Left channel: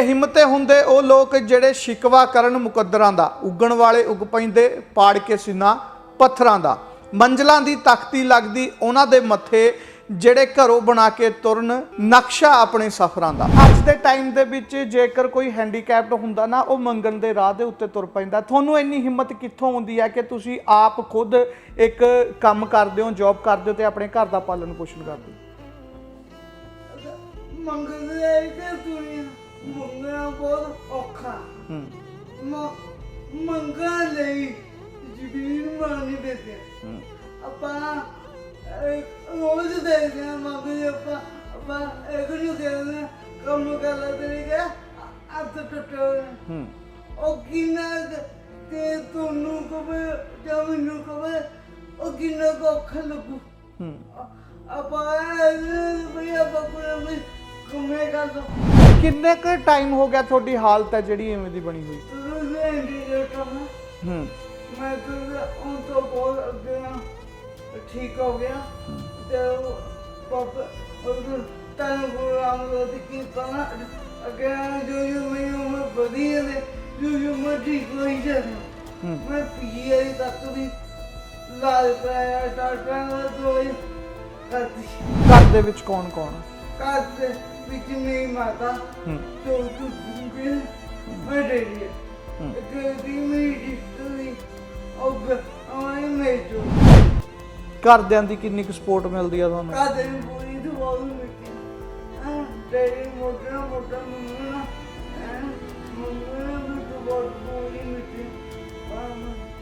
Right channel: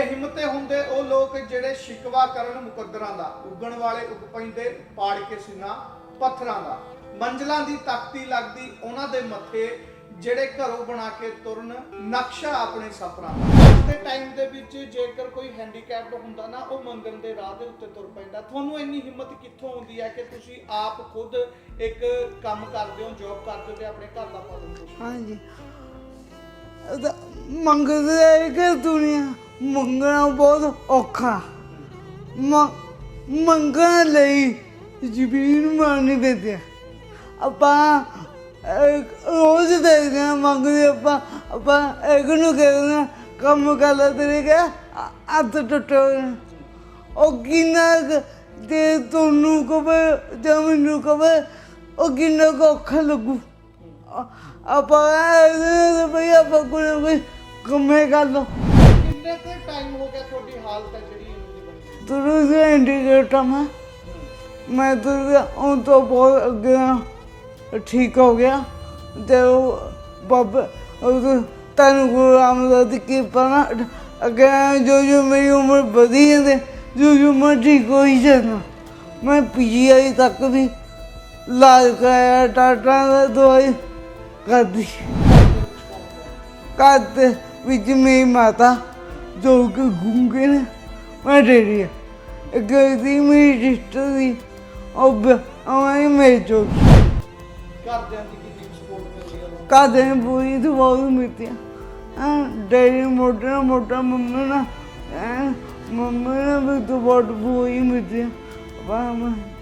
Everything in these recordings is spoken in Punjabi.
ਬੇਹਿੰਮਤੇ ਹੁੰਦੇ ਉਹ ਲੋਕ ਜਿਹੜੇ ਸ਼ਿਕਵਾ ਕਰਨ ਮੁਕੱਦਰਾਂ ਦਾ, ਉੱਗਣ ਵਾਲੇ ਉੱਗ ਪੈਂਦੇ, ਪਾੜ ਕੇ ਸੀਨਾ ਪੱਥਰਾਂ ਦਾ। ਮੰਜ਼ਲਾਂ ਦੀ ਤਖਤੀ ਲੱਗਦੀ ਉਹਨਾਂ ਦੇ ਮੱਥੇ, ਜਿਹੜੇ ਘਰੋਂ ਬਣਾ ਕੇ ਤੁਰਨ ਨਕਸ਼ਾ ਆਪਣੇ ਸਫ਼ਰਾਂ ਦਾ। ਅੱਜ ਦੇ ਟਾਈਮ ਦੇ ਵਿੱਚ ਜੇਕਰ ਕੋਈ ਹੈਂਡੀਕੈਪਡ ਹੁੰਦਾ ਨਾ, ਉਹ ਮੰਗਣ ਦੇ ਰਾਹ ਦੇ ਉੱਤੇ ਤੁਰ ਪੈਂਦਾ। ਤੁਹਾਨੂੰ ਇੰਨੀ ਹਿੰਮਤ ਕਿੱਥੋਂ ਆਉਂਦੀ ਹੈ ਕਿ ਤੁਸੀਂ ਆਪ ਖੁਦ ਇੱਕ ਕੰਮ ਕਰਦੇ ਹੋ ਜੌਬ ਕਰਦੇ ਹੋ ਤੇ ਆਪਣੇ ਘਰ ਦਾ ਪਾਲਣ ਪੋਸ਼ਣ ਕਰਦੇ ਹੋ? ਮੰਗਦੇ ਕਿ ਦੁਨੀਆ ਮੰਗਣਾ ਬਹੁਤ ਔਖਾ। ਮ- ਮੰਗਣ ਲਈ ਜ਼ਮੀਨ ਪੈਂਦੀ ਹੈ ਆਪਾਂ ਅਹ, ਰੋਜ਼ ਦੇਖਦੇ ਹਾਂ ਮੰਗਦੇ ਆਪਾਂ। ਆਪਾਂ ਇੱਕ ਨੂੰ ਕਹਿੰਦੇ ਕੰਮ ਕਰ ਲੈ ਤੇਰੇ ਕਿ ਹੱਥ ਟੁੱਟੇ ਹੋਏ ਨੇ। ਉਹ ਕਿੰਨਾ ਕੁ ਤੇ ਤੁਹਾਨੂੰ ਕਵੇ ਜਾਂ ਮੈਨੂੰ ਕਵੇ ਉਹ ਕਿੰਨਾ ਕੁ ਔਖਾ ਲੱਗੂ। ਆਪਾਂ ਇਹ ਭਈ ਆਪਾਂ ਕੋਈ ਨਾ ਕੋਈ ਕੰਮੇ ਕਰ ਲਓ। ਕਿੰਨੇ ਕੁ ਟਾਈਮ ਹੋ ਗਿਆ ਤੁਹਾਡੀ ਹਾਲਤ ਹੈ ਜਿਹੜੀ ਐਵੇਂ ਦੀ ਬਣੀ ਹੋਈ? ਤੁਰੂ ਦੇ ਇੰਡੀਕੇਟਰ ਮੈਂ। ਹੂੰ। ਮੈਂ ਤਾਂ ਉਹ ਤੋਂ ਬਹੁਤ ਅੱਗੇ ਠੀਕ ਹੋ ਗਿਆ। ਤੇ ਉਹ ਬਾਬਾ ਉਹ ਤਨ ਗੁਰੂ ਰਾਮਦਾਸ ਦੀ ਕਿਰਪਾ ਨਾਲ ਅੱਗੇ ਜੋ ਜੋ ਮੇਰੀ ਉਮਰ ਵਧੀ ਜਾਂਦੇ ਜੋ ਜੋ ਮੈਂ ਠੀਕ ਹੋਈ ਜਾਂਦਾ ਮੈਂ ਪੀਜੀਆਈ ਤੱਕ ਵੀ ਲਾਜ ਕਰਾਇਆ ਟਾਟਾ ਦਵਾਈ ਕਰਦੀ। ਘਰ ਦੇ ਵਿੱਚ ਕੌਣ ਕੌਣ ਘਰ ਦੇ ਵਿੱਚ ਮੇਰੀ ਮਾਤਾ ਜੋ ਕਿ ਗੁੰਗੇ ਨੇ ਮੈਂ ਡੇਰੀ ਹੈ। ਇੱਕ ਦੀ ਮੇਰੀ ਸਿਸਟਰ ਦੀ ਉਹ ਮੇਰੇ ਚੋਂ। ਘਰਦਿਆਂ ਦੀ ਕਿੰਨੀ ਕੁ ਸਪੋਰਟ ਮਿਲਦੀ ਆ ਤੁਹਾਨੂੰ? ਕਾਦੇ ਬੁਰੀ ਦਵਾਈ ਮਿਲਦੀ ਹੈ ਡੇਰੀ ਮੋਟਾ ਮੋਟਾ ਮੰਮੀ ਨਾ ਮੰਮੀ ਵੀ ਦਵਾਈ ਬੁਰੀ ਮਿਲਦੀ ਹੈ ਵਾਹ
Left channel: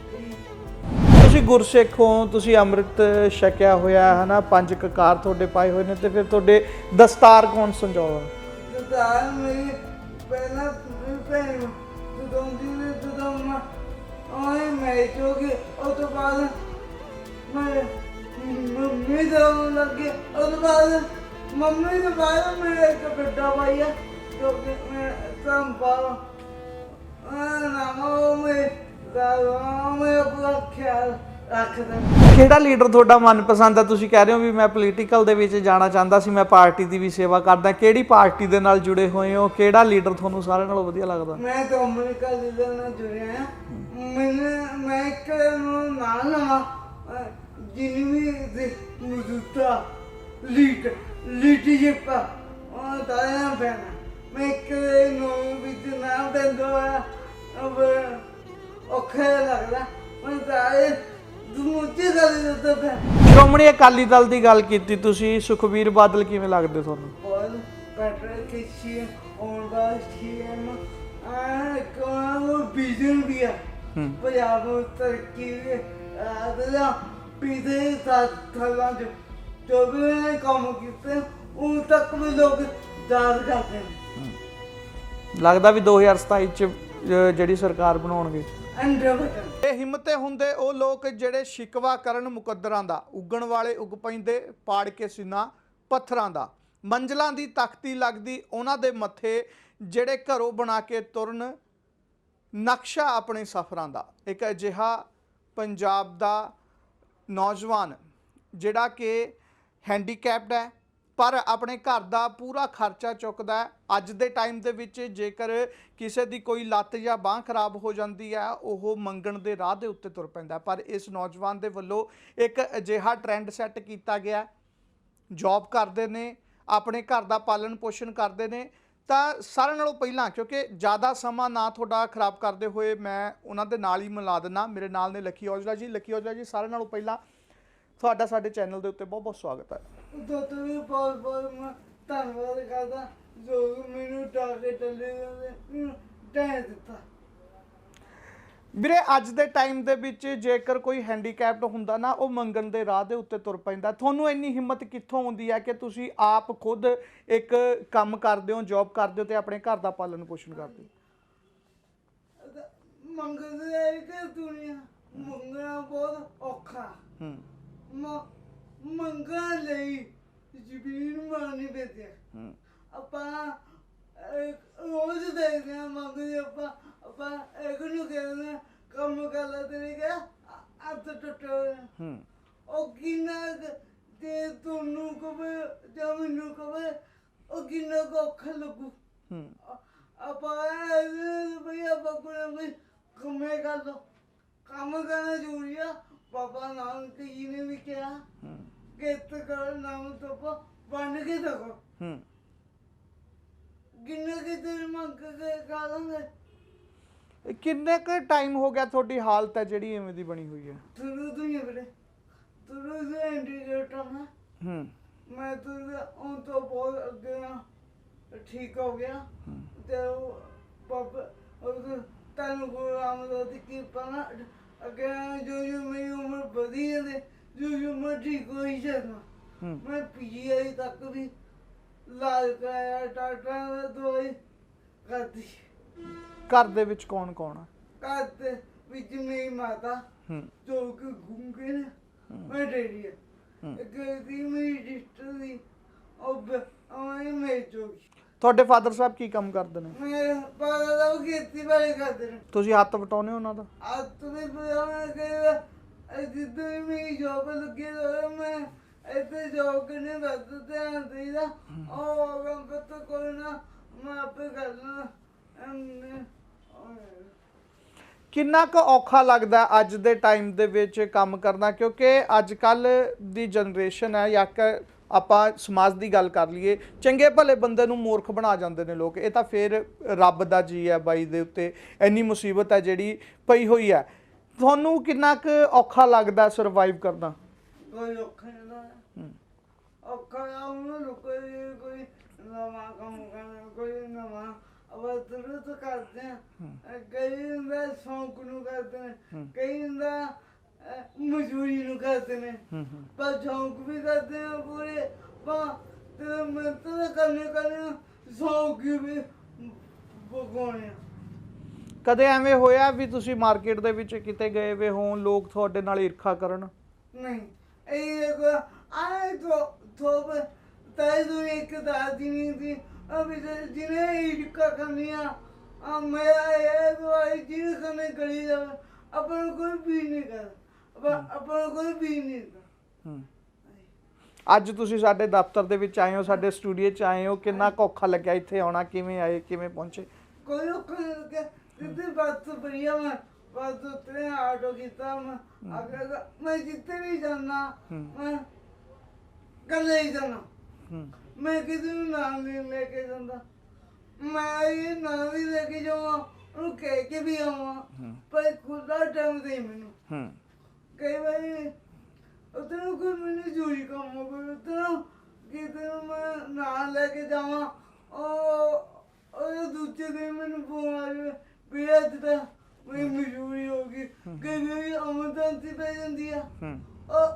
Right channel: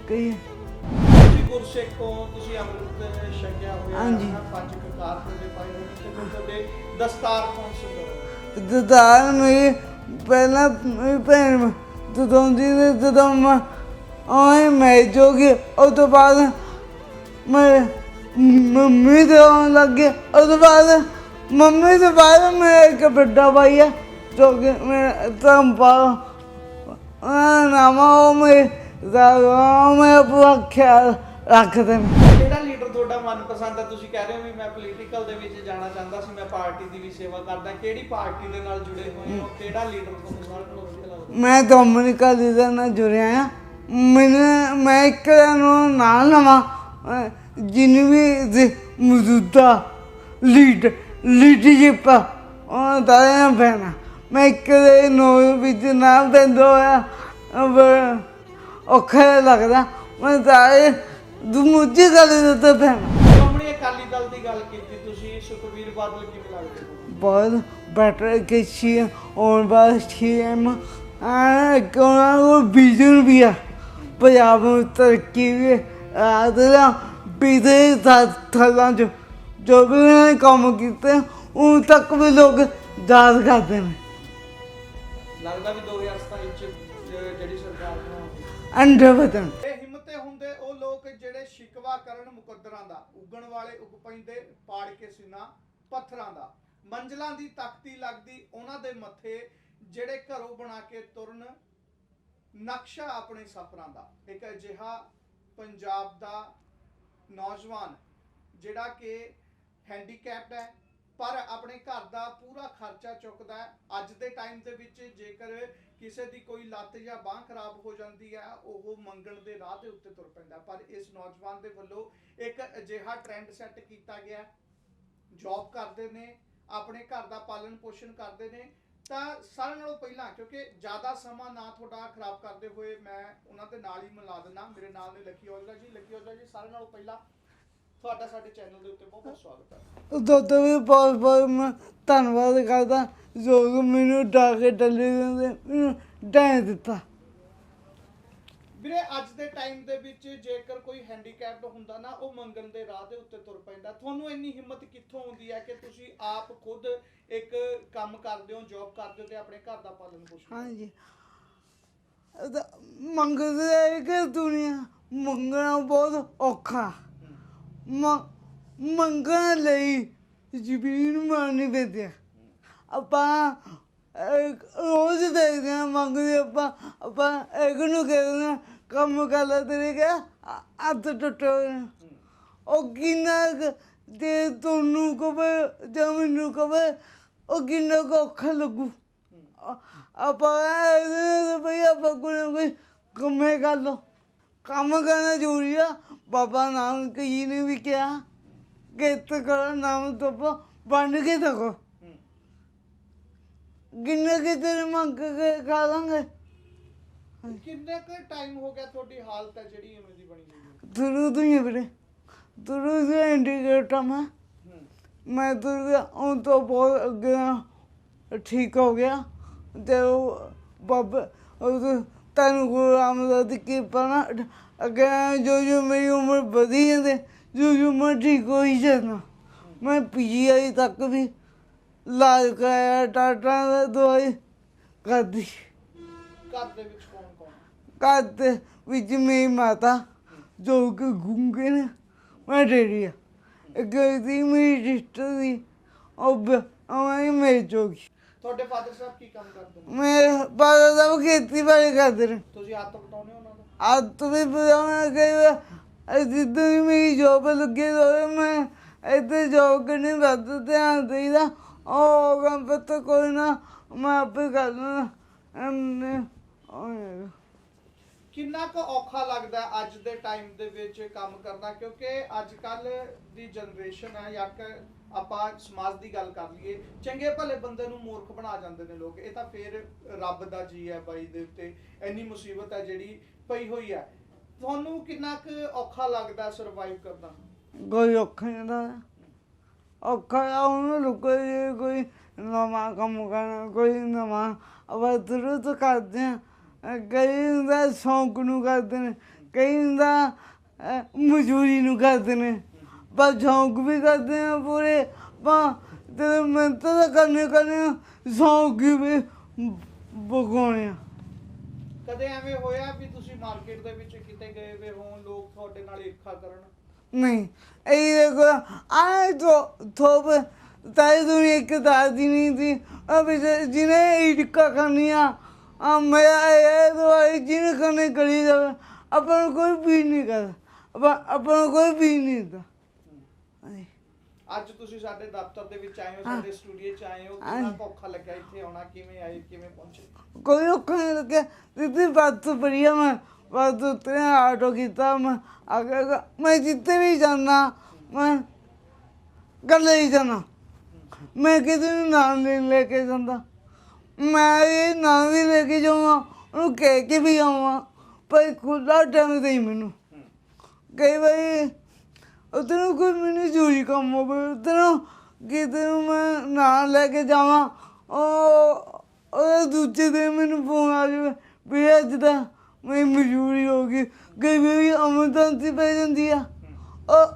ਕਹੀ ਤੁਸੀਂ ਗੁਰਸਿੱਖ ਹੋ ਤੁਸੀਂ ਅੰਮ੍ਰਿਤ ਛਕਿਆ ਹੋਇਆ ਹੈ ਨਾ ਪੰਜ ਕਕਾਰ ਤੁਹਾਡੇ ਪਾਏ ਹੋਏ ਨੇ ਤੇ ਫਿਰ ਤੁਹਾਡੇ ਦਸਤਾਰ ਕੌਣ ਸੰਜੋਗਾ ਦਦਾਰ ਮੇਰੀ ਪਹਿਲਾਂ ਭੈਣ ਜਦੋਂ ਦੀ ਨੇ ਜਦੋਂ ਮੈਂ ਆਏ ਮੈਂ ਜੋਗੀ ਉਹ ਤੋਂ ਬਾਅਦ ਮੈਂ ਮੰਮੀ ਦੇ ਆਉਣ ਲੱਗੇ ਉਹ ਤੋਂ ਬਾਅਦ ਮੰਮੀ ਦੇ ਬਾਅਦ ਮੈਂ ਇੱਕ ਵੱਡਾ ਭਾਈ ਆ ਜੋ ਕਿ ਮੈਂ ਤੰਪਾ ਆ ਨਾਮਾ ਮੈਂ ਦਾ ਮੈਂ ਆਪਣਾ ਖਿਆਲ ਰੱਖਦਾ ਕਿਹੜਾ ਲੀਡਰ ਤੁਹਾਡਾ ਮਨਪਸੰਦ ਹੈ ਤੁਸੀਂ ਕਹਿ ਰਹੇ ਹੋ ਵੀ ਮੈਂ ਪੋਲੀਟੀਕਲ ਦੇ ਵਿੱਚ ਜਾਣਾ ਚਾਹੁੰਦਾ ਸੀ, ਮੈਂ ਪਾਰਟੀ ਦੀ ਵੀ ਸੇਵਾ ਕਰਦਾ। ਕਿਹੜੀ ਪਾਰਟੀ ਦੇ ਨਾਲ ਜੁੜੇ ਹੋਏ ਹੋ? ਕਿਹੜਾ ਲੀਡਰ ਤੁਹਾਨੂੰ ਸਾਰਿਆਂ ਨਾਲੋਂ ਵਧੀਆ ਲੱਗਦਾ? ਮੈਂ ਡੋਮਿਨਿਕਾ ਦੇ ਨਾਲ ਜੁੜਿਆ ਆ। ਮੈਨੂੰ, ਮੈਂ ਇੱਕ ਨੂੰ ਨਾਲ ਨਵਾਂ ਜਿਹਨੂੰ ਵੀ ਦੀ ਮੌਜੂਦਾ ਲੀਡ ਲੀਡਰਸ਼ਿਪ ਉਹ ਤਾਂ ਪੈਣਾ ਮੈਂ ਇੱਕ ਦੇ ਨੂੰ ਵਿੱਚ ਨਾਲ ਬੰਦੋ ਆ ਔਖਾ ਲੱਗਦਾ। ਮੈਂ ਤਾਂ ਦੂਜੀ ਗੱਲ ਦੇ ਉੱਤੇ ਪੈਣਾ ਸ਼੍ਰੋਮਣੀ ਅਕਾਲੀ ਦਲ ਦੀ ਗੱਲ ਕੀਤੀ ਤੁਸੀਂ ਸੁਖਬੀਰ ਬਾਦਲ ਕਿਵੇਂ ਲੱਗਦੇ ਤੁਹਾਨੂੰ? ਬਹੁਤ ਬੈਟਰ ਕਿ ਸੀ ਔਰ ਬਾਅਦ ਸੀਐਮ ਆ ਕੋਨਾ ਉਹ ਵਿਜ਼ਨ ਵੀ ਆ। ਪੰਜਾਬ ਨੂੰ ਤਰੱਕੀ ਵੀ ਆਦਰਾ ਬਿਦੇ ਥਾਲਾਂ ਚ। ਜੋ ਵੀ ਉਹਨੇ ਕੰਮ ਕੀਤੇ ਉਹ ਤੱਕ ਵੀ ਲੋਕ ਯਾਦ ਕਰਦੇ ਨੇ। ਲੱਗਦਾ ਵੀ 2027 ਚ ਜਿਹੜੀ ਸਰਕਾਰ ਬਣਾਉਣਗੇ। ਅੰਡੇ ਵਤਨ ਇਹ ਹਿੰਮਤੇ ਹੁੰਦੇ ਉਹ ਲੋਕ ਜਿਹੜੇ ਸ਼ਿਕਵਾ ਕਰਨ ਮੁਕੱਦਰਾਂ ਦਾ, ਉੱਗਣ ਵਾਲੇ ਉੱਗ ਪੈਂਦੇ, ਪਾੜ ਕੇ ਸੀਨਾ ਪੱਥਰਾਂ ਦਾ। ਮੰਜ਼ਲਾਂ ਦੀ ਤਖਤੀ ਲੱਗਦੀ, ਉਹਨਾਂ ਦੇ ਮੱਥੇ ਜਿਹੜੇ ਘਰੋਂ ਬਣਾ ਕੇ ਤੁਰਨ ਨਕਸ਼ਾ ਆਪਣੇ ਸਫ਼ਰਾਂ ਦਾ। ਇੱਕ ਅਜਿਹਾ ਪੰਜਾਬ ਦਾ ਨੌਜਵਾਨ ਜਿਹੜਾ ਕਿ ਹੈਂਡੀਕੈਪਡ ਹੈ ਪਰ ਆਪਣੇ ਘਰ ਦਾ ਪੂਰਾ ਖਰਚਾ ਚੁੱਕਦਾ ਅੱਜ ਦੇ ਟਾਈਮ ਦੇ ਵਿੱਚ ਜੇਕਰ ਕਿਸੇ ਦੀ ਕੋਈ ਲੱਤ ਜਾਂ ਬਾਹ ਖਰਾਬ ਹੋ ਜਾਂਦੀ ਹੈ, ਉਹ ਮੰਗਣ ਦੇ ਰਾਹ ਦੇ ਉੱਤੇ ਤੁਰ ਪੈਂਦਾ ਪਰ ਇਸ ਨੌਜਵਾਨ ਦੇ ਵੱਲੋਂ ਇੱਕ ਅਜਿਹਾ ਟ੍ਰੈਂਡ ਸੈੱਟ ਕੀਤਾ ਗਿਆ ਜੌਬ ਕਰਦੇ ਨੇ, ਆਪਣੇ ਘਰ ਦਾ ਪਾਲਣ ਪੋਸ਼ਣ ਕਰਦੇ ਨੇ। ਤਾਂ ਸਾਰਿਆਂ ਨਾਲੋਂ ਪਹਿਲਾਂ, ਕਿਉਂਕਿ ਜ਼ਿਆਦਾ ਸਮਾਂ ਨਾ ਤੁਹਾਡਾ ਖਰਾਬ ਕਰਦੇ ਹੋਏ ਮੈਂ ਉਹਨਾਂ ਦੇ ਨਾਲ ਹੀ ਮਿਲਾ ਦਿੰਨਾ ਮੇਰੇ ਨਾਲ ਨੇ ਲੱਕੀ ਔਜਲਾ ਜੀ, ਲੱਕੀ ਔਜਲਾ ਜੀ, ਸਾਰਿਆਂ ਨਾਲੋਂ ਪਹਿਲਾਂ ਤੁਹਾਡਾ ਸਾਡੇ ਚੈਨਲ ਦੇ ਉੱਤੇ ਬਹੁਤ ਬਹੁਤ ਸਵਾਗਤ ਹੈ। ਦੁੱਧ ਵੀ ਬਹੁਤ ਬਹੁਤ ਮੈਂ ਧੰਨਵਾਦ ਕਰਦਾ ਜੋ ਕਿ ਮੈਨੂੰ ਡਾਕੇ ਟੱਲੇ ਦਿੰਦੇ ਮੈਨੂੰ ਡੈ ਦਿੱਤਾ। ਵੀਰੇ ਅੱਜ ਦੇ ਟਾਈਮ ਦੇ ਵਿੱਚ ਜੇਕਰ ਕੋਈ ਹੈਂਡੀਕੈਪਡ ਹੁੰਦਾ ਨਾ ਉਹ ਮੰਗਣ ਦੇ ਰਾਹ ਦੇ ਉੱਤੇ ਤੁਰ ਪੈਂਦਾ। ਤੁਹਾਨੂੰ ਇੰਨੀ ਹਿੰਮਤ ਕਿੱਥੋਂ ਆਉਂਦੀ ਹੈ ਕਿ ਤੁਸੀਂ ਆਪ ਖੁਦ ਇੱਕ ਕੰਮ ਕਰਦੇ ਹੋ ਜੌਬ ਕਰਦੇ ਹੋ ਤੇ ਆਪਣੇ ਘਰ ਦਾ ਪਾਲਣ ਪੋਸ਼ਣ ਕਰਦੇ ਹਾਂਜੀ। ਮੰਗਦੇ ਕਿ ਦੁਨੀਆ ਮੰਗਣਾ ਬਹੁਤ ਔਖਾ। ਹੂੰ। ਮ- ਮੰਗਣ ਲਈ ਜ਼ਮੀਨ ਮਾਰਨੀ ਪੈਂਦੀ ਹੈ। ਆਪਾਂ ਅਹ, ਰੋਜ਼ ਦੇਖਦੇ ਹਾਂ ਮੰਗਦੇ ਆਪਾਂ ਆਪਾਂ ਇੱਕ ਨੂੰ ਕਹਿੰਦੇ ਹਾਂ, ਕੰਮ ਕਰ ਲੈ ਤੇਰੇ ਕਿ ਹੱਥ ਟੁੱਟੇ ਹੋਏ ਨੇ ਹੂੰ। ਉਹ ਕਿੰਨਾ ਕੁ ਤੇ ਤੁਹਾਨੂੰ ਕਵੇ ਜਾਂ ਮੈਨੂੰ ਕਵੇ ਉਹ ਕਿੰਨਾ ਕੁ ਔਖਾ ਲੱਗੂ। ਹੂੰ। ਆਪਾਂ ਇਹਦੇ ਭਈ ਆਪਾਂ ਕੋਈ ਨਾ ਕੋਈ ਕੰਮੇ ਕਰ ਲੋ ਕੰਮ ਕਰਨਾ ਜ਼ਰੂਰੀ ਆ। ਬਾਬਾ ਨਾਨਕ ਜੀ ਨੇ ਵੀ ਕਿਹਾ ਕਿ ਤਕੜਾ ਨਾਮ ਤੋਂ ਬਣ ਕੇ ਤੱਕੋ ਹੂੰ। ਕਿ ਤੇਰੇ ਮੰਗ ਕੇ ਖਾ ਲਾਂਗੇ? ਕਿੰਨੇ ਕੁ ਟਾਈਮ ਹੋ ਗਿਆ ਤੁਹਾਡੀ ਹਾਲਤ ਹੈ ਜਿਹੜੀ ਐਵੇਂ ਦੀ ਬਣੀ ਹੋਈ ਹੈ? ਤੂੰ ਹੀ ਵੀਰੇ। ਤੁਰੂ ਦੇ ਇੰਡੀਕੇਟਰ ਮੈਂ। ਹੂੰ। ਮੈਂ ਤੁਰ ਉਹ ਤੋਂ ਬਹੁਤ ਅੱਗੇ ਆ, ਠੀਕ ਹੋ ਗਿਆ। ਤੇ ਉਹ ਬਾਬਾ ਉਹ ਤੈਨੂੰ ਗੁਰੂ ਰਾਮਦਾਸ ਦੀ ਕਿਰਪਾ ਨਾਲ ਅੱਗੇ ਜੋ ਜੋ ਮੇਰੀ ਉਮਰ ਵਧੀ ਜਾਂਦੇ ਜੋ ਜੋ ਮੈਂ ਠੀਕ ਹੋਈ ਜਾਂਦਾ ਮੈਂ ਪੀਜੀਆਈ ਤੱਕ ਵੀ ਇਲਾਜ ਕਰਾਇਆ ਟਾਟਾ ਦਾ ਦਵਾਈ ਕਰਦੀ। ਘਰ ਦੇ ਵਿੱਚ ਕੌਣ ਕੌਣ ਆ? ਘਰ ਦੇ ਵਿੱਚ ਮੇਰੀ ਮਾਤਾ ਜੋ ਕਿ ਗੁੰਗੇ ਨੇ ਮੈਂ ਡੇਰੀ ਆ। ਇੱਕ ਦੀ ਮੇਰੀ ਸਿਸਟਰ ਦੀ ਉਹ ਬ- ਉਹ ਮੇਰੀ ਜੋਗੀ। ਤੁਹਾਡੇ ਫਾਦਰ ਸਾਹਿਬ ਕੀ ਕੰਮ ਕਰਦੇ ਨੇ? ਮੈਂ ਬਾਬਾ ਦਾ ਖੇਤੀਬਾੜੀ ਕਰਦੇ ਨੇ। ਤੁਸੀਂ ਹੱਥ ਵਟਾਉਨੇ ਉਹਨਾਂ ਦਾ? ਆ ਤੁਮੇ ਬੁਲਾਉਣਾ ਕਈ ਜਿੱਦਾਂ ਹੀ ਮੇਰੀ ਜੋਬ ਲੱਗੇ ਹੋਏ ਮੈਂ ਇੱਥੇ ਜੋਬ ਕਰਨੀ ਵੱਧ ਧਿਆਨ ਦੇਈਦਾ। ਉਹ ਕੰਮ ਪਤਾ ਕੋਈ ਨਾ ਮੈਂ ਆਪੇ ਕਰ ਲੈਣਾ ਕਿੰਨਾ ਕੁ ਔਖਾ ਲੱਗਦਾ ਅੱਜ ਦੇ ਟਾਈਮ ਦੇ ਵਿੱਚ ਕੰਮ ਕਰਨਾ? ਕਿਉਂਕਿ ਅੱਜ ਕੱਲ ਦੀ ਜਨਰੇਸ਼ਨ ਹੈ ਜਾਂ ਆਪਾਂ ਸਮਾਜ ਦੀ ਗੱਲ ਕਰ ਲਈਏ ਚੰਗੇ ਭਲੇ ਬੰਦੇ ਨੂੰ ਮੂਰਖ ਬਣਾ ਜਾਂਦੇ ਨੇ ਲੋਕ। ਇਹ ਤਾਂ ਫੇਰ ਰੱਬ ਦਾ ਜੀ ਹੈ ਬਾਈ ਦੇ ਉੱਤੇ। ਇੰਨੀ ਮੁਸੀਬਤ ਹੈ ਜਿਹੜੀ ਪਈ ਹੋਈ ਹੈ। ਤੁਹਾਨੂੰ ਕਿੰਨਾ ਕੁ ਔਖਾ ਲੱਗਦਾ ਸਰਵਾਈਵ ਕਰਨਾ? ਕੋਈ ਔਖਾ ਨਹੀਂ ਦਾ ਔਖਾ ਆ ਉਹਨੂੰ ਜੇ ਕੋਈ ਨਵਾਂ ਕੰਮ ਕਰਨਾ ਕੋਈ ਨਵਾਂ। ਅਵਾ ਤੁਰੂ ਤੋਂ ਕਰਦੇ ਆ ਕਈ ਹੁੰਦਾ ਸ਼ੌਂਕ ਨੂੰ ਕਰਦੇ ਨੇ। ਕਈ ਹੁੰਦਾ ਅਹ, ਮਜ਼ਦੂਰੀ ਨੂੰ ਕਰਦੇ ਨੇ। ਪਰ ਸ਼ੌਂਕ ਵੀ ਕਰਦੇ ਆ ਪੂਰੇ। ਪਾ ਤੇ ਮਿਹਨਤ ਤਾਂ ਕਰਨੇ ਕਰਨੇ ਆ, ਸ਼ੌਂਕ ਵੀ ਬਗਾਉਣੇ ਆ। ਕਦੇ ਐਵੇਂ ਹੋਇਆ ਵੀ ਤੁਸੀਂ ਮਾਰਕੀਟ ਦੇ ਵਿੱਚ ਕਿਤੇ ਗਏ ਵੇ ਹੋਣ ਲੋਕ ਤੁਹਾਡੇ ਨਾਲ ਈਰਖਾ ਕਰਨ? ਨਹੀਂ। ਇਹ ਦੇਖੋ ਆਏ ਤੋਂ ਥੋਪ ਤਾਏ ਤੋਂ ਇੱਕ ਦਾਦੀ ਨਹੀਂ ਸੀ। ਅਬ ਜਿਹਨੇ ਇਟਕਾ ਕਰਨੀਆਂ ਆ ਮੇਰਾ ਇਹ ਦਵਾਈ ਜਿਹਨੇ ਕਰਨੇ ਕਰੀ ਜਾਵੇ। ਆਪਾਂ ਕੋਈ ਵੀ ਨਹੀਂ ਕਰ ਆਪਾਂ ਆਪਾਂ ਨੂੰ ਕੋਈ ਵੀ ਨਹੀਂ ਦਾ ਹੂੰ। ਅੱਜ ਤੁਸੀਂ ਸਾਡੇ ਦਫ਼ਤਰ ਦੇ ਵਿੱਚ ਆਏ ਹੋ ਸਾਡੇ ਸਟੂਡੀਓ 'ਚ ਆਏ ਹੋ ਕਿੰਨਾ ਕੁ ਔਖਾ ਲੱਗਿਆ ਇੱਥੇ ਆਉਣਾ ਕਿਵੇਂ ਆਏ ਕਿਵੇਂ ਪਹੁੰਚੇ? ਕੋਈ ਔਖਾ ਨਹੀਂ ਲੱਗਿਆ। ਦਿੱਤੀ ਬਾਤ ਤੋਂ ਬੜੀਆ ਮੈਂ ਬਾਤ ਉਤਰੇ ਆਟੋ ਕੀਤਾ ਮੈਂ ਅੱਗੇ ਮੈਂ ਜਿੱਤੇ ਵੀ ਜਾਣਾ ਮੈਂ ਗੱਲ ਹੀ ਜਾਣਾ ਮੈਂ ਕਿਤੇ ਨੂੰ ਨਾਮ ਨਹੀਂ ਲੈ ਕੇ ਜਾਂਦਾ। ਮੈਂ ਇਹ ਨਾਮ ਵੀ ਲੈ ਕੇ ਜਾਵਾਂ ਉਹਨੂੰ ਕਹਿ ਕੇ ਵੀ ਆਵਾਂ ਪਰ ਖੁੱਲਾ ਟਾਈਮ ਦੇ ਮੈਨੂੰ। ਹੂੰ। ਕਈ ਵਾਰੀ ਉਧਰੋਂ ਕੋਈ ਮੈਨੂੰ ਜ਼ਰੂਰੀ ਕੰਮ ਹੋਵੇ ਉਧਰੋਂ ਕਿਤੇ ਨੂੰ ਮੈਂ ਨਾਂ ਲੈ ਕੇ ਜਾਵਾਂ ਉਹ ਉਹ ਦੂਜੇ ਦਿਨ ਮੈਨੂੰ ਫੋਨ ਆ ਜਾਵੇ ਵੀ ਅੱਜ ਤਾਂ ਮੇਰੀ ਮਜਬੂਰੀ ਹੋ ਗਈ। ਕਈ ਵਾਰੀ ਅਮਰਦਾਂਤੀ ਪੈ ਜਾਂਦੀ ਆ। ਉਹ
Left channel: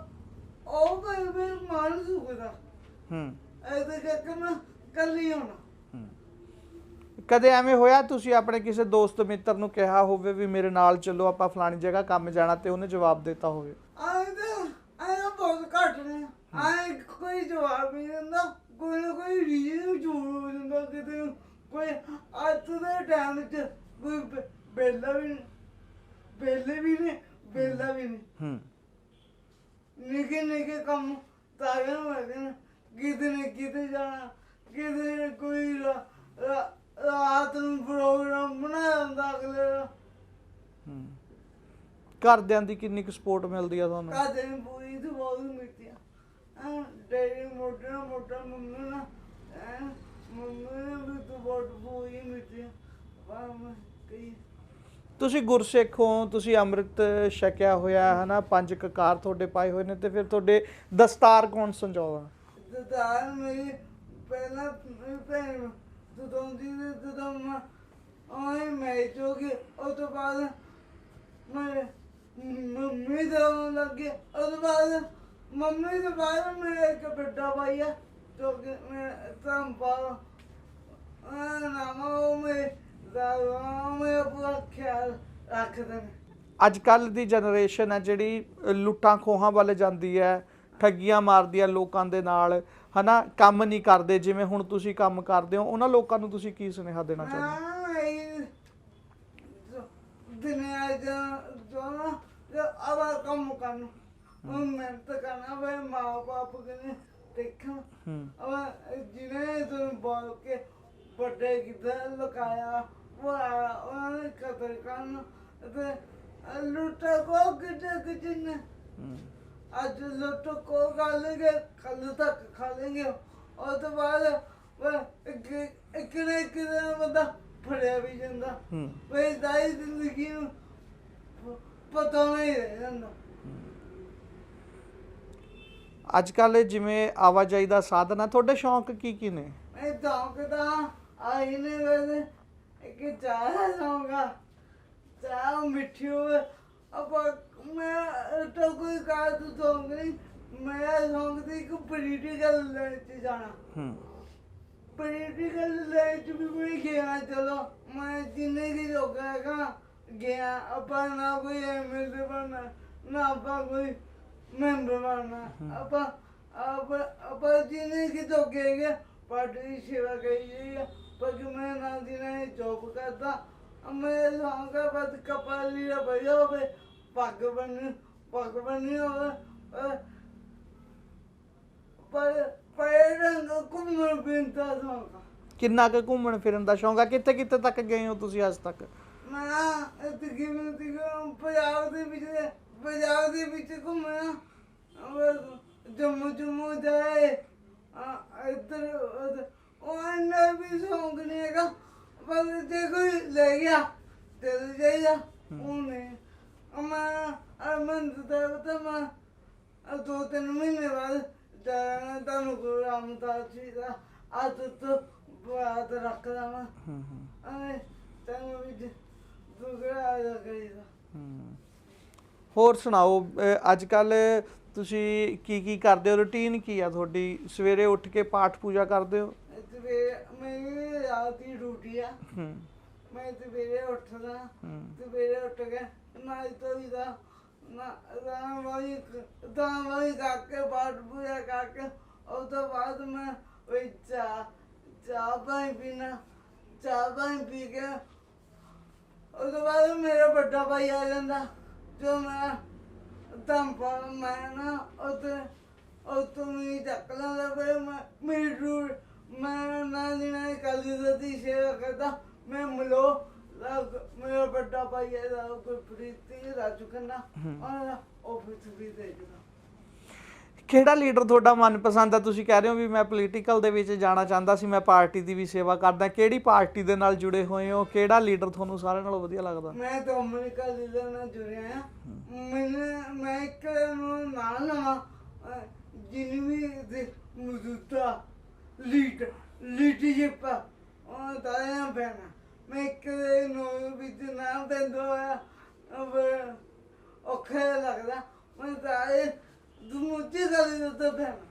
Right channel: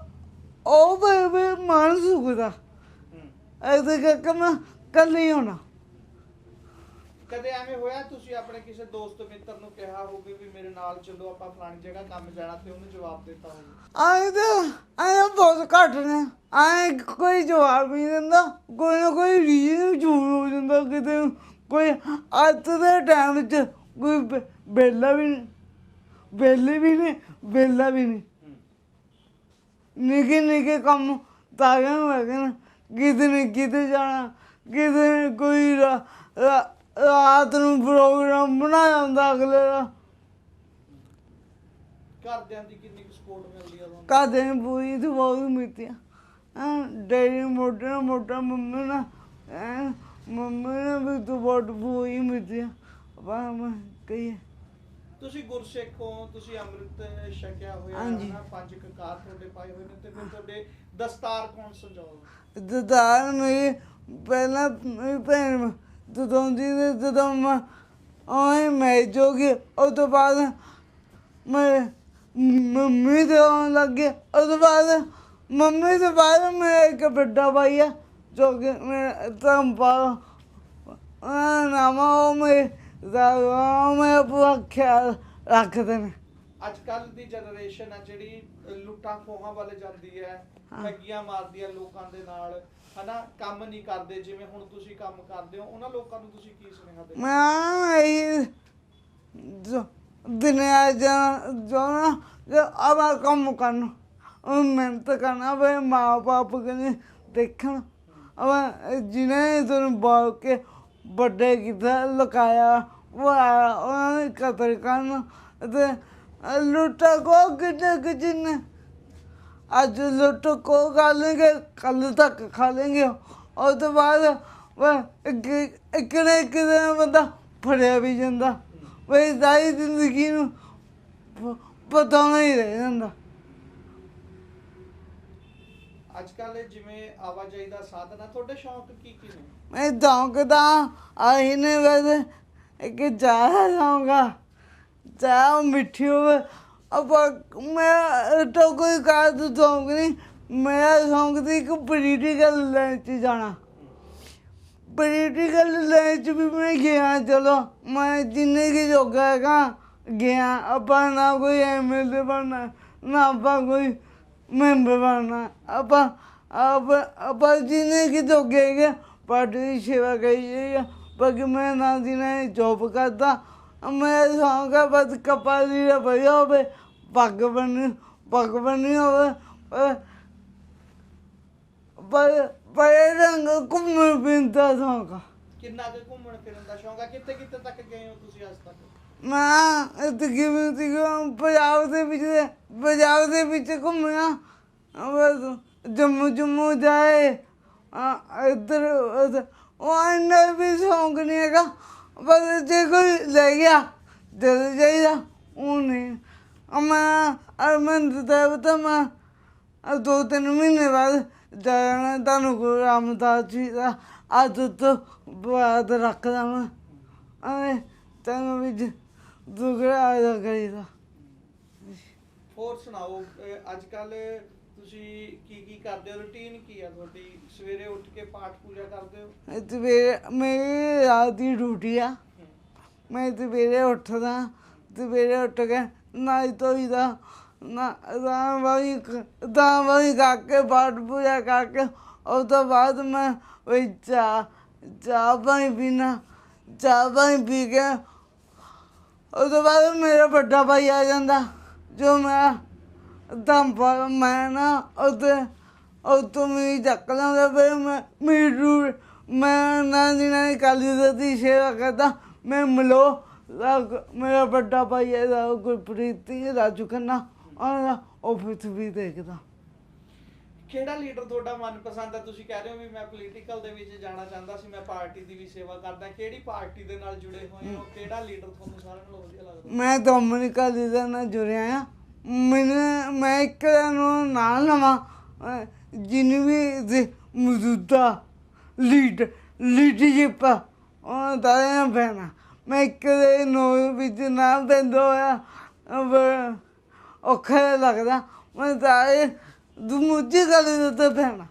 ਉਹ ਬਈ ਬਈ ਮਾਨ ਸੁਖਦਾ। ਹੂੰ। ਐਸੇ ਕਰਕੇ ਮੈਂ ਕੱਲ ਨਹੀਂ ਹੋਣਾ। ਕਦੇ ਐਵੇਂ ਹੋਇਆ ਤੁਸੀਂ ਆਪਣੇ ਕਿਸੇ ਦੋਸਤ ਮਿੱਤਰ ਨੂੰ ਕਿਹਾ ਹੋਵੇ ਵੀ ਮੇਰੇ ਨਾਲ ਚੱਲੋ ਆਪਾਂ ਫਲਾਣੀ ਜਗ੍ਹਾ ਕੰਮ ਜਾਣਾ ਤੇ ਉਹਨੇ ਜਵਾਬ ਦਿੱਤਾ ਹੋਵੇ? ਆਏ ਤਾਂ ਆਏ ਬਹੁਤ ਘੱਟ ਨੇ। ਆਏ ਕੋਈ ਜਵਾਬ ਨਹੀਂ ਦਿੰਦਾ। ਕੋਈ ਨਾ ਕੋਈ ਰੀਜ਼ਨ ਝੂਠ ਹੋ ਜਾਂਦਾ ਕਿਤੇ। ਕੋਈ ਅੱਜ ਦੇ ਟਾਈਮ ਵਿੱਚ ਕੋਈ ਬੇ- ਵਿਹਲਾ ਵੀ ਵਿਹਲੇ ਵੀ ਨਹੀਂ ਵਿਹਲਾ ਵੀ ਨਹੀਂ ਹੂੰ। ਨਿੱਕੇ ਨਿੱਕੇ ਕੰਮ ਤਾਰਿਆਂ ਨੂੰ ਹੈਗੇ ਨੇ ਕਿਤੇ ਨੇ ਕਿਤੇ ਜਾਣਾ ਕਿਤੇ ਕੋਈ ਰਾ- ਰਾ- ਰਾਤ ਨੂੰ ਪ੍ਰੋਗਰਾਮ ਬਣਾਇਆ ਹੁੰਦਾ ਅਗਲੇ ਦਾ। ਘਰਦਿਆਂ ਦੀ ਕਿੰਨੀ ਕੁ ਸਪੋਰਟ ਮਿਲਦੀ ਆ ਤੁਹਾਨੂੰ? ਕਾਦੇ ਨੇ ਪੂਰੀ ਤੇ ਬਹੁਤ ਮਿੱਤੀਆਂ ਡੈਡੀ ਮੋਟਾ ਮੋਟਾ ਮੰਮੀ ਨਾ ਮੰਮੀ ਨੇ ਵੀ ਤੂੰ ਬਹੁਤ ਪੂਰੀ ਮਿੱਤੀਆਂ ਪਰ ਮੈਂ ਕਹੀ ਤੁਸੀਂ ਗੁਰਸਿੱਖ ਹੋ ਤੁਸੀਂ ਅੰਮ੍ਰਿਤ ਛਕਿਆ ਹੋਇਆ ਹੈ ਨਾ ਪੰਜ ਕਕਾਰ ਤੁਹਾਡੇ ਪਾਏ ਹੋਏ ਨੇ ਤੇ ਫਿਰ ਤੁਹਾਡੇ ਦਸਤਾਰ ਕੌਣ ਸੰਜਾਉਂਦਾ? ਦਦਾਰ ਮੇਰੀ ਪਹਿਲਾਂ ਮੇਰੀ ਭੈਣ ਜਦੋਂ ਜੀ ਤੇ ਜਦੋਂ ਮੈਂ ਆਏ ਹੋ ਜੋਗੀ ਉਹ ਤੋਂ ਬਾਅਦ ਮੈਂ ਮੰਮੀ ਦੇ ਆਉਣ ਲੱਗੇ ਉਹ ਤੋਂ ਬਾਅਦ ਮੰਮੀ ਦੇ ਬਾਅਦ ਮੈਂ ਇੱਕ ਵੱਡਾ ਭਾਈ ਆ, ਜੋ ਕਿ ਮੈਂ ਤੰਪਾ ਆ ਨਾਮਾ ਮੈਂ ਦਾ ਮੈਂ ਪੂਰਾ ਖਿਆਲ ਰੱਖਦੇ ਨੇ। ਅੱਜ ਕੱਲ ਦੀ ਜਨਰੇਸ਼ਨ ਹੈ ਜਿਹੜੀ ਲੁੱਟਾਂ ਖੋਹਾਂ ਵੱਲ ਜਾਂਦੀ ਹੈ, ਠੱਗੀਆਂ ਮਾਰਦੀ ਹੈ ਲੋਕਾਂ ਦੇ ਨਾਲ। ਹਨਾ ਕੰਮ ਨਹੀਂ ਕਰਦੇ ਜਿਵੇਂ ਹੁਣ ਤੁਸੀਂ ਕੰਮ ਕਰਦੇ ਹੋ ਉਹਨਾਂ ਲੋਕਾਂ ਨੂੰ ਤੁਸੀਂ ਕੀ ਸੁਨੇਹਾ ਦੇਣਾ ਚਾਹੁੰਦੇ ਮੈਂ ਇਹ ਜੋ ਦੁਨੀਆ ਜਾ ਜੋ ਆਵਾ ਕੰਮ ਕਰਨ ਉਹ ਮਿਹਨਤ ਕਰਨਾ ਵੇ ਮਾਂ ਬਾਪ ਕਨੇ ਦੇਖਣ। ਹੂੰ। ਜਿਹਨੇ ਤੁਹਾਨੂੰ ਬਾਲ ਕੇ ਵੱਡੇ ਕਿਤੇ ਲੁਕਾਇਆ ਉਹ ਆਇਆ, ਉਹਨਾਂ ਨੇ ਕਤਲ ਕਰਨ ਤੇ ਲੁੱਟਾ ਕੋ ਕਿਤੇ ਕਿਤੇ ਅੱਜ ਲੁੱਟ ਕੋ ਖਾ ਲੈਂਗੇ ਕੱਲ ਤੱਕ ਖਾ ਲੈਂਗੇ ਉਸ ਤੋਂ ਬਾਅਦ ਇੱਕ ਇੱਕ ਇੱਕ ਦਿਨ ਬੰਦਾ ਫੜਿਆ ਵੀ ਜਾਂਦਾ। ਵੇ ਸਾਰੀ ਜ਼ਿੰਦਗੀ ਨੂੰ ਪਤਾ ਨਹੀਂ ਰਹਿ ਜਾਂਦਾ। ਅੱਜ ਕੱਲ ਜਿਵੇਂ ਆਵਾਜਾਈ ਦਾ ਸਾਧਨ ਆ ਤੁਹਾਡੇ ਸ਼ੌਂਕ ਕੀ ਕੀ ਨੇ? ਮੈਂ ਦੌਂਕਦਾ ਆਈ ਨੇ ਵੈਸੇ ਕਿ ਚਾਹ ਲਾਉਂਗਾ। ਚਾਹ ਮਿੱਠੀ ਹੋਵੇ ਆਪਾਂ ਮੈਂ ਤਾਂ ਕੋਈ ਕਾਜ ਦੌਂਕ ਨਹੀਂ ਮੈਂ ਦੌਂਕਦੀ ਇੱਕ ਪੋਲੀਟੀਕਲ ਲਾਈਨ 'ਚ ਜਾਣਾ। ਹੂੰ। ਪੋਲੀਟੀਕਲ ਲਾਈਨ 'ਚ ਵੀ ਮੈਂ ਗਿਆ ਚਲੋ ਮੈਂ ਜਿੰਨੇ ਕੀ ਜੋਗਾ ਹੈਗਾ ਗਿਆ। ਆਪਾਂ ਨਾ ਕੋਈ ਐਮਐਲਏ ਬਣਨਾ ਨਾ ਆਪਾਂ ਕੋਈ ਮੈਂਬਰ ਬਣਨਾ। ਆਪਾਂ ਆਪ ਆਪਾਂ ਜਿੰਨੇ ਕੀ ਜੋਗੇ ਹੈਗੇ ਪਾਰਟੀ ਦੀ ਸੇਵਾ ਕਰੀ ਹੈ ਬਾਕੀ ਮੈਂ ਨਾ ਦੀ ਨਾ ਜੋਬ ਕਰਦਾ। ਮੈਂ ਸੌਂਗਾ ਬਸ ਕਪਾਲੀ ਦਾ ਭਈਆ ਹੋਵੇ। ਪੱਗ ਬੰਨੀ ਪੱਗ ਬੰਨੀ ਹੋਵੇ ਪਰ- ਪਰ ਪਰ ਰੰਗ ਘੁੰਮਣ ਫਿਰਦਾ ਸੌਂਗਾ ਕਿੰਨਾ ਕੁ ਘੁੰਮਣ ਫਿਰਨ ਦਾ ਸ਼ੌਂਕ ਆ ਕਿੱਥੇ ਕਿੱਥੇ ਤੱਕ ਗਏ ਹੋ ਤੁਸੀਂ ਅੱਜ ਤੱਕ ਮੈਂ ਇੱਥੇ ਕਿਵੇਂ ਸੀਗਾ ਪੰਜਾਬ ਦੇ ਵਿੱਚ ਪੰਜਾਬ ਦੇ ਵਿੱਚ ਘੁੰਮਿਆ ਬਸ ਜੰਮੂ ਜੰਮੂ ਜਾਏ ਆ ਇੱਧਰ ਉੱਧਰ। ਉਹ ਇੰਨਾ ਵੀ ਸ਼ੌਂਕ ਨਹੀਂ ਹੈਗਾ ਪਰ ਜੇ ਕੋਈ ਲੈ ਗਿਆ ਜਦ ਜਾਈਦਾ ਉਹ ਨਹੀਂ ਮੈਂ ਅਰਮੰਦ ਦਾ ਬਤਾ ਮੈਂ ਆਹ ਦੋ ਤਿੰਨ ਮਹੀਨੇ ਬਾਅਦ ਜਾਣਾ ਤੁਹਾਨੂੰ ਗੁਰੂ ਰਾਮਦਾਸ ਜੀ ਦਾ ਅੱਜ ਤੋਂ ਬਾਅਦ ਰੱਖਦਾ ਮੈਂ ਐ ਤੈਨੂੰ ਵੀ ਦੁਗੜਾ ਆ ਜਾ ਕਰੀਦਾ। ਹੋਰ ਸੁਣਾਓ ਅੱਜ ਕੱਲ ਤੁਸੀਂ ਕੀ ਕੀ ਕਰਦੇ ਹੋ? ਰੁਟੀਨ ਕੀ ਆ ਤੁਹਾਡੀ? ਸਵੇਰੇ ਉੱਠ ਕੇ ਪਾਠ ਪੂਜਾ ਕਰਦੇ ਹੋ? ਸਵੇਰੇ ਮੇਰੀ ਰਾਤ ਦੀ ਡਿਊਟੀ ਆ। ਮੈਂ ਸਵੇਰੇ ਉੱਠਦਾ ਸਵੇਰੇ ਉੱਠ ਕੇ ਨਾਈ ਧੋਈ ਦਾ, ਨਾ ਤਾਂ ਵਾਈ ਤਾਂ ਵਾਈ ਕਰਕੇ ਪਾਠ ਪੂਜਾ ਕਰਕੇ ਉਸ ਤੋਂ ਬਾਅਦ ਮੈਂ ਉਹ ਚਾਹ ਚਾਹ ਪਾਣੀ ਪੀਣਾ ਚਾਹ ਪਾਣੀ ਪੀ ਕੇ ਉਸ ਤੋਂ ਬਾਅਦ ਮੇਰਾ ਵੱਡਾ ਭਾਈ ਆ ਜਾਂਦਾ, ਜੋ ਮੈਂ ਦਮ ਪਰ ਮੈਂ ਨਾ ਉਹਦੇ ਉਹ ਤੋਂ ਵੀ ਚੱਕ ਲੈਂਦਾ, ਫਿਰ ਮੈਂ ਮੇਰੀ ਡਿਊ- ਮੈਂ ਨਾ ਦੀ ਨਾ ਕਾਲੀ ਦੀ ਸੇਵਾ ਕਰਦਾ, ਮੈਂ ਮਲੋ ਮੇਰਾ ਵੱਡਾ ਭਾਈ ਹੈ ਦਾ ਗੁਰਪ੍ਰੀਤ ਸਿੰਘ ਰਾਜੂ ਖੰਨਾ। ਉਹਦਾ ਆਫਿਸ ਵੀ ਦੇਖਦਾ। ਕਿਹੜਾ ਲੀਡਰ ਤੁਹਾਡਾ ਮਨਪਸੰਦ ਆ? ਤੁਸੀਂ ਕਹਿ ਰਹੇ ਹੋ ਵੀ ਮੈਂ ਪੋਲੀਟੀਕਲ ਦੇ ਵਿੱਚ ਜਾਣਾ ਚਾਹੁੰਦਾ ਸੀ ਮੈਂ ਪਾਰਟੀ ਦੀ ਵੀ ਸੇਵਾ ਕਰਦਾ। ਕਿਹੜੀ ਪਾਰਟੀ ਦੇ ਨਾਲ ਜੁੜੇ ਹੋਏ ਹੋ? ਕਿਹੜਾ ਲੀਡਰ ਤੁਹਾਨੂੰ ਸਾਰਿਆਂ ਨਾਲੋਂ ਵਧੀਆ ਲੱਗਦਾ? ਮੈਂ ਡੋਮਿਨਿਕਾ ਲੀਡਰ ਨਾਲ ਜੁੜਿਆ ਆ। ਮੈਨੂੰ ਮੈਂ ਇੱਕ ਨੂੰ ਨਾਲ ਅਹ ਜਿਹਨੂੰ ਵੀ ਮੌਜੂਦਾ ਲੀਡ ਲੀਡਰਸ਼ਿਪ ਉਹ ਦਾ ਬੈਣਾ ਮੈਂ ਇੱਕ ਦੇ ਨੋ ਵਿੱਚ ਨਾ ਬੰਦ ਹੋਇਆ ਅਬ ਔਖਾ ਲੱਗਦਾ। ਮੈਂ ਤਾਂ ਇਹ ਦੂਜੀ ਗੱਲ ਦੇ ਉੱਤੇ ਬੈਣਾ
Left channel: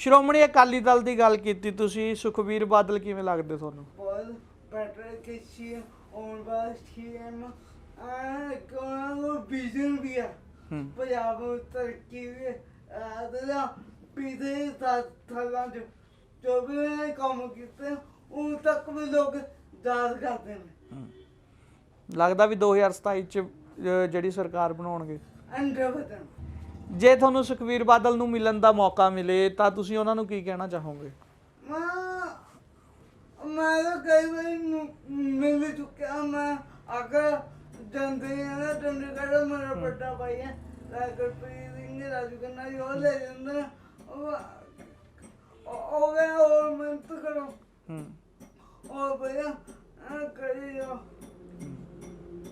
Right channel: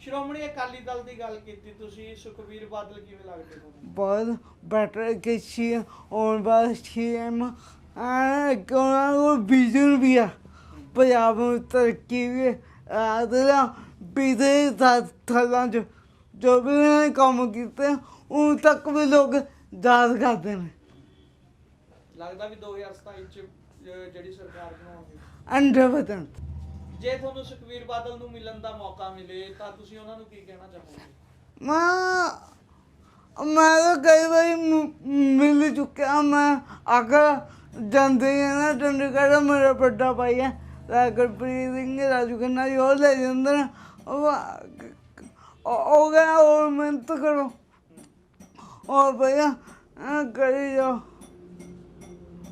ਸ਼੍ਰੋਮਣੀ ਅਕਾਲੀ ਦਲ ਦੀ ਗੱਲ ਕੀਤੀ ਤੁਸੀਂ ਸੁਖਬੀਰ ਬਾਦਲ ਕਿਵੇਂ ਲੱਗਦੇ ਤੁਹਾਨੂੰ? ਬਹੁਤ ਬੈਟਰ ਕਿ ਸੀ ਔਰ ਬਸ ਸੀਐਮ ਆ ਕੋਨਾ ਉਹ ਵਿਜ਼ਨ ਵੀ ਆ। ਪੰਜਾਬ ਨੂੰ ਤਰੱਕੀ ਵੀ ਆਦਰਾ ਬਿਦੇ ਦਾ ਥਲਾਂ ਜੋ ਵੀ ਕੰਮ ਕੀਤੇ ਉਹ ਤੱਕ ਵੀ ਲੋਕ ਯਾਦ ਕਰਦੇ ਨੇ। ਲੱਗਦਾ ਵੀ 2027 ਚ ਅਹ, ਜਿਹੜੀ ਸਰਕਾਰ ਬਣਾਉਣਗੇ। ਅੰਡਰ ਵਤਨ ਜੇ ਤੁਹਾਨੂੰ ਸੁਖਬੀਰ ਬਾਦਲ ਨੂੰ ਮਿਲਣ ਦਾ ਮੌਕਾ ਮਿਲੇ ਤਾਂ ਤੁਸੀਂ ਉਹਨਾਂ ਨੂੰ ਕੀ ਕਹਿਣਾ ਚਾਹੋਗੇ? ਮੈਂ ਮੈਂ ਤਾਂ ਕਈ ਵਾਰੀ ਮ- ਮਿਲ ਚੁੱਕਿਆ। ਮੈਂ ਅਗਰ ਜਾਂਦੇ ਆ ਨਾ ਚੰਡੀਗੜ੍ਹ ਮੇਰਾ ਵੱਡਾ ਭਾਈ ਹੈ ਗੁਰਪ੍ਰੀਤ ਸਿੰਘ ਰਾਜੂ ਖੰਨਾ ਜੀ ਉਹ ਲੈ ਜਾਂਦੇ ਨੇ। ਉਹ ਉਹ- ਉਹ ਗਿਆ ਹੋਰ ਮਿਹਨਤ ਕਰੋ। ਹੂੰ। ਉਹ ਭਈਆ ਐਂ ਕਰੀ ਜਾਓ।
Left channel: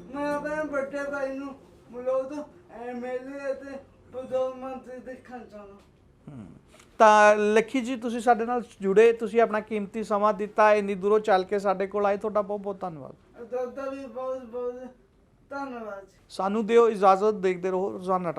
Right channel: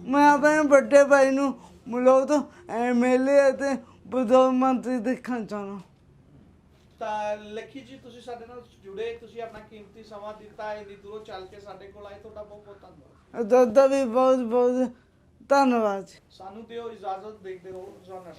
ਮੈਂ ਆਪਣੇ ਵੱਡੇ ਭਾਈ ਨੂੰ ਮਿਲੋ ਤੋਂ ਐਮਐਲਏ ਤੇ ਪ੍ਰਧਾਨ ਮੰਤਰੀ ਦੇਖਣ ਚਾਹਣਾ ਤਾਂ ਲੱਖੀ ਜੀ ਤੁਸੀਂ ਸਾਡੇ ਨਾਲ ਜੁੜੇ ਤੁਸੀਂ ਆਪਣਾ ਕੀਮਤੀ ਸਮਾਂ ਦਿੱਤਾ ਇੰਨੀ ਦੂਰੋਂ ਚੱਲ ਕੇ ਸਾਡੇ ਕੋਲ ਆਏ ਤੁਹਾਡਾ ਬਹੁਤ ਬਹੁਤ ਧੰਨਵਾਦ। ਦਾਦਾ ਵੀ ਬਹੁਤ ਬਹੁਤ ਧੰਨਵਾਦ ਜੀ। ਸਾਨੂੰ ਦਿਓ ਇਜਾਜ਼ਤ ਦੇਖਦੇ ਰਹੋ ਰੋਜ਼ਾਨਾ ਟਾਈਮ